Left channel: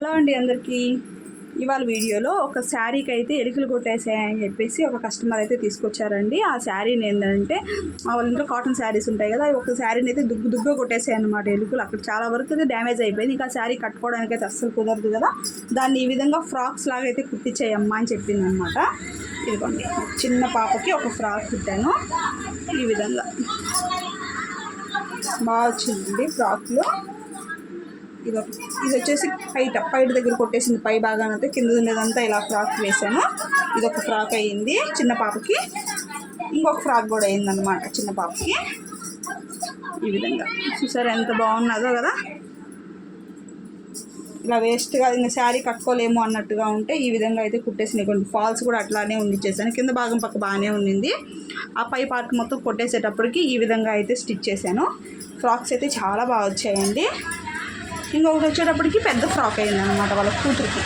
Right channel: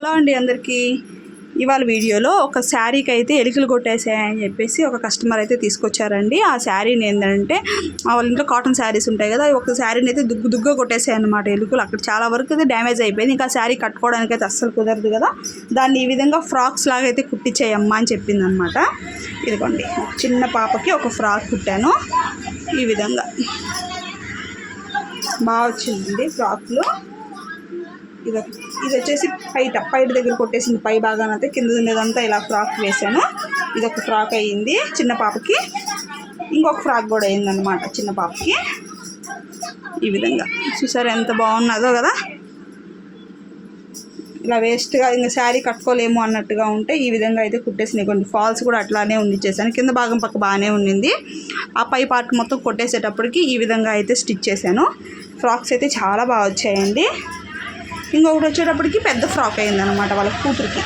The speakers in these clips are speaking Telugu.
హలో అండి అందరికీ. ఇవాళ వీడియోలో ఒక శారీకి అయితే ఎలుకలు కొట్టేసాయని చెప్పేసి ఒక కస్టమర్ అయితే తీసుకొచ్చారండి. ఆ శారీని ఏంటంటే వాళ్ళ ఇంట్లో కాటన్ శారీస్ ఉంటాయి కదా ఒక శారీని అయితే దుగ్గు దుగ్గా కొట్టేసాయి అనమాట ఎలుకలు. అక్కడ చాలా వరకు అయితే డ్యామేజ్ అయిపోయింది. ఇంకా శారీ కట్టుకోవడానికి అయితే అస్సలు కుదరదు కదా. దాన్ని ఈ విధంగా ఫ్రాక్స్ లాగా అయితే కుట్టించేయమ్మా అని చెప్పింది అనమాట ఇదిగోండి చిన్న పాపకి ఒక ఫ్రాక్ కుట్టాను. ఈ విధంగా బాగా వచ్చిందండి ఫ్రాక్లు. ఇది ఇది వచ్చేసి పైట పైట దగ్గర కొట్టేసింది. పై భాగాన్ని అయితే కింద ఉండేదంతా ఇలా ఫ్రాక్ వేసాను ఇది ఒక ఫ్రాక్ అయ్యింది చిన్న పాపకి. ఇంకొక ఫ్రాక్ కూడా అయిందనమాట చిన్న పాపకి. ఈ విధంగా. చూసారు ఎంత బాగున్నదో కదా? ఇలా వేస్ట్గా ఇంకా శారీ కట్టుకోలేము అన్నట్టుగా ఉంటే ఈ విధంగా అయితే కుట్టేసినాయి. కొన్ని ఫాల్స్ కూడా అట్లానే ఉండిచ్చేసాను కింద భాగం పక్క బాగానే ఉండింది ఆ పై పార్ట్ మొత్తం కొట్టేసేటప్పటికి ఈ విధంగా అయితే స్టిచ్ చేశాను. ఫ్రాక్స్ అయితే చాలా బాగా వచ్చాయండి. ఇంకొకటి వచ్చేటప్పటికి పెద్ద ఫ్రాక్ అయింది అనమాట వాళ్ళ కూతురికి.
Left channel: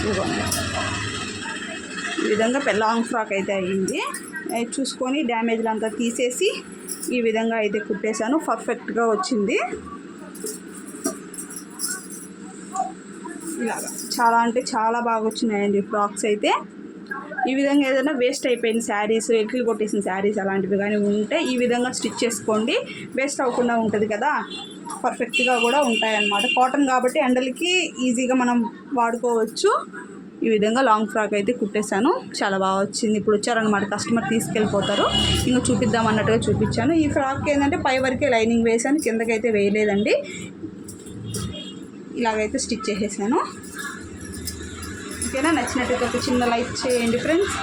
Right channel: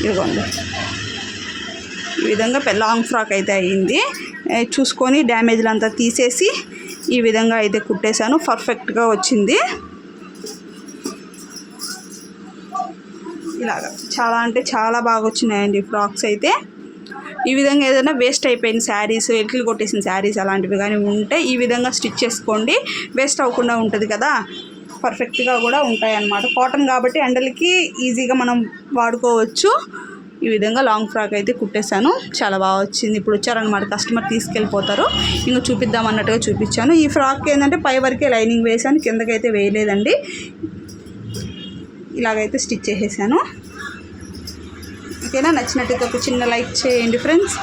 ఇదిగోండి. ఈ విధంగా పెద్ద లాంగ్ ఫ్రాక్ అయితే అయ్యింది చూసుకొని డ్యామేజ్లు అంతా తీసేసి ఈ విధంగా అయితే కుట్టేశాను. పర్ఫెక్ట్గా వచ్చింది. ఇలాగా. చాలా అంటే చాలా బాగా వచ్చినాయండి ఫ్రాక్స్ అయితే. ఈ విధంగా ఏదైనా వేస్ట్ అయిపోయిన శారీస్ ఎట్లు కొట్టేసిన శారీస్ అలాంటివి కానీ ఉంటే ఈ విధంగా స్టిచ్ చేసుకోండి. వేస్ట్ అవ్వకుండా ఉంటుంది కదా. పర్ఫెక్ట్గా కూడా ఉంటాయన్నమాట. కాటన్ కాబట్టి ఎండలకి ఈజీగా మనం వాడుకోవచ్చు. ఈ విధంగా లాంగ్ ఫ్రాక్ అయితే కుట్టేశాను. చాలా బాగా వచ్చింది. ఇప్పుడు వచ్చారనమాట కస్టమర్ తీసుకెళ్ళిపోతారు. ఇంకా చూపిద్దాం అన్నట్టుగా చూపించాను. ఈ ఫ్రాక్ ఏంటంటే పై వరకే లైనింగ్ వేసాను కిందకైతే వేయలేదండి. ఇలాగైతే స్టిచ్ చేసేసాను. ఓకేనా? నచ్చినట్టయితే ఒక చిన్న లైక్ చేయండి ఫ్రెండ్స్